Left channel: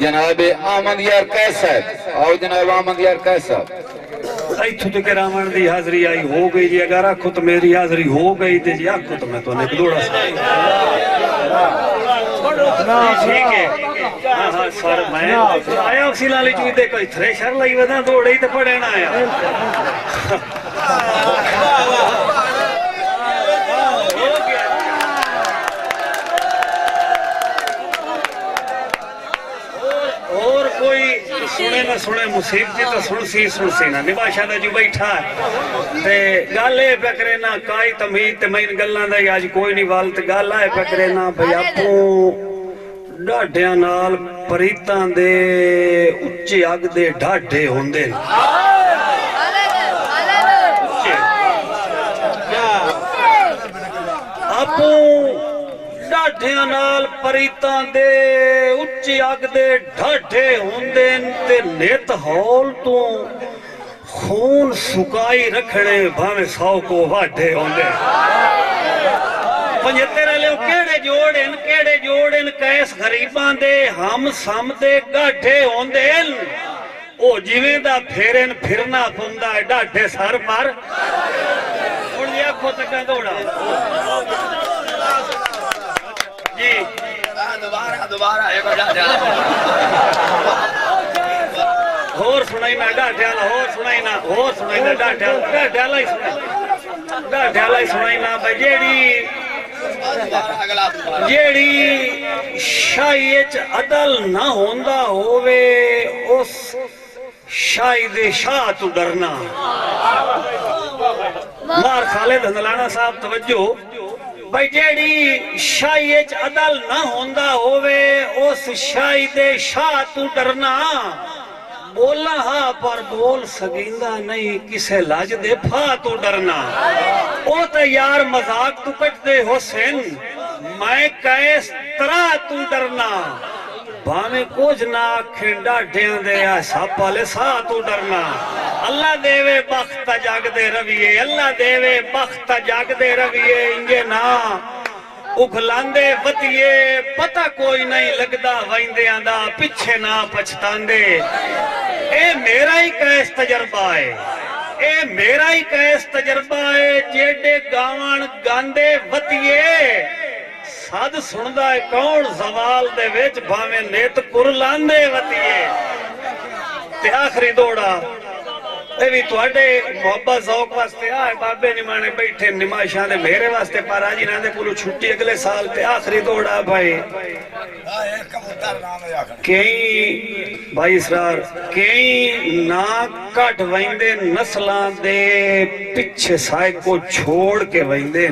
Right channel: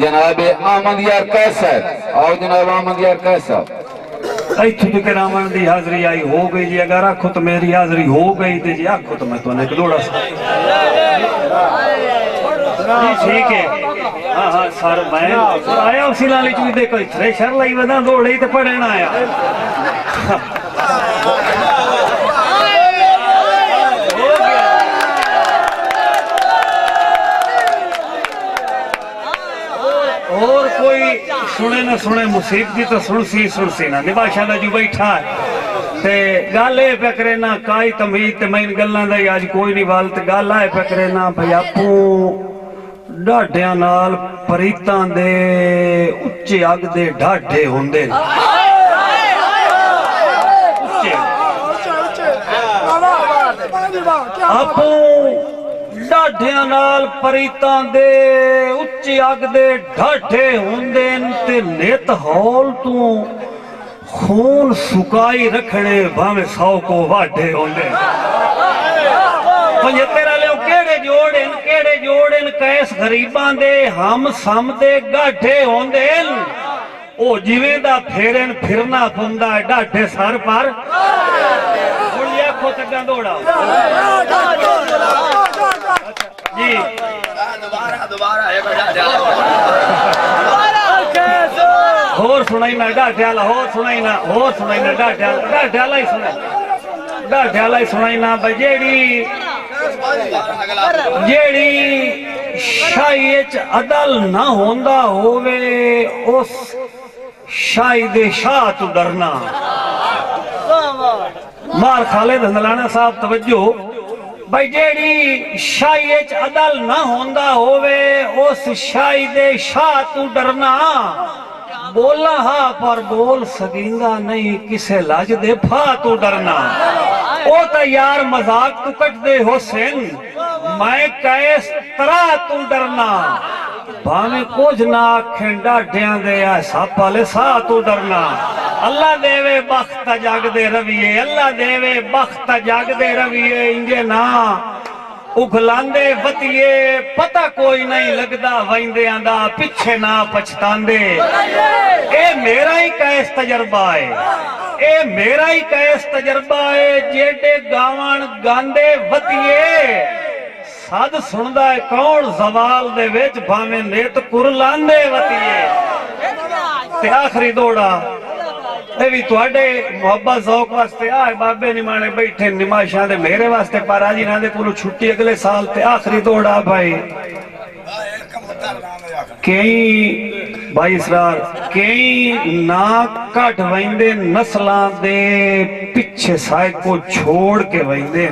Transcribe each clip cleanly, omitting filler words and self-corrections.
जनाब अहमद यार कैसा आओ जनाब अहमद यार कैसा इतों तक रावण की हाजरी आई हो गई जी। अगर आखो तो मेरी हाजरी हो गई तो जी आखो तो मैं तुम्हें दौड़ा ठीक है। हाँ हाँ सर मैं आया उसी लाली चूदे कोई थ्रेशर लाई वदा दौड़े तो पड़े ना आया और कोई सुने ना सुने मुसीबती तो सुन सी ना निभाशा दा जो बैठा ते गल ए पकड़े ना काई तमीज ते मैं गल्लां दा आज कोई नहीं वाल ते गल आए पकड़े ना भई आपू ढाढियां नाल परीतां दे उच्चे अग दे ढाढे होंदे आपू ढाढियां नाल परीतां दे उच्चे अग दे ढाढे होंदे ते नित हौल तू खून सुकाई रखने भावे 100 को वाढे होंदे 75 वाले केड़े जोड़न कैस गरीबां दे हम सम दे गाठे होंदे ओ जिवें दा फेरन फिरना पुंदा ढाढे सर पर हुण ये आखो तग्गा दौड़ा जी दोबारा होर सुनाई मैं ढाढ्याला होर सुनाई ना ढाढ्याला ही सुनाई ना भाई जेड़ी शाही च अदल ना होंदा होवे उस शाही दे शाह तू डरना मार खालिद हंदलाना साहब तवज्जो भाई जेड़ी शाही च अदल ना होंदा होवे उस शाही दे शाह तू डरना बोला हा पर बोल सकींदा नहीं किसे लज दे फा तू डरना ओ तो यार मजाक तू कट दे हुसैन मैं कैस तरह तू डरना भावे कुछ ना आखें ढाढियां दे सप वाले सा तू डरना अल्लाह देवे बख्त जग दे रविए अल्लाह देवे बख्त जग दे रविए इंजे ना उखलांदे वतिए पता कोई नहीं लगदा वैंदियां दा पिछे ना पछतांदे ए मेरा ही कैस तजर्बा है ए मेरा ही कैस तजर्बा है जेडे गावण गांदे वतिए सद सुनदा है कौन जवाल दे विच भावे नेत कुरलांदे वतिए ते आखरी दौड़ा भी तुहाडे मोहब्बत शौक वास्ते आए बाबे निमाने बैठे निमाशा दे मेरे वास्ते पर आज इन्हां दे कोलों छुट्टी अगले साल ते आखरी दौड़ा भाई कई भाई इसरार कई ना घट वहिंदे नस्लां दे पिछे साए को छोड़ के वहिंदे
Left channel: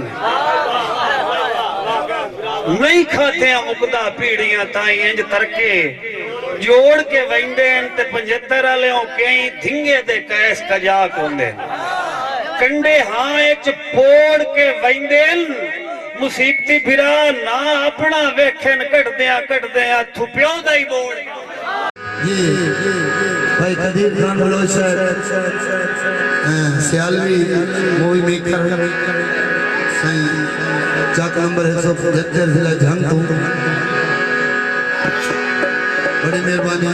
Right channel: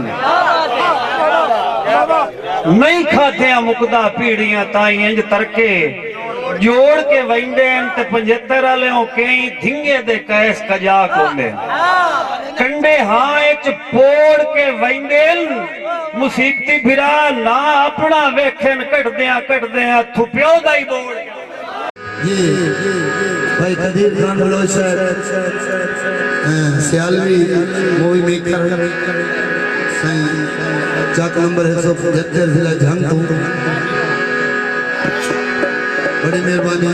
नहीं खाते मुकदा पीढ़ियां ताई इंज तरके जोड़ के वहिंदे ते 75 वाले कई धिंगे दे कैस कजाक होंदे कंडे हाँ च पोड़ के वहिंदे मुसीबती फिरा ना अपना वेखन कटदियां थुप्यो दा ही बोड़ ये भाई Qadeer Khan Baloch Sialvi movie maker Chak number 175 जिला जंग बड़ी मेहरबानी।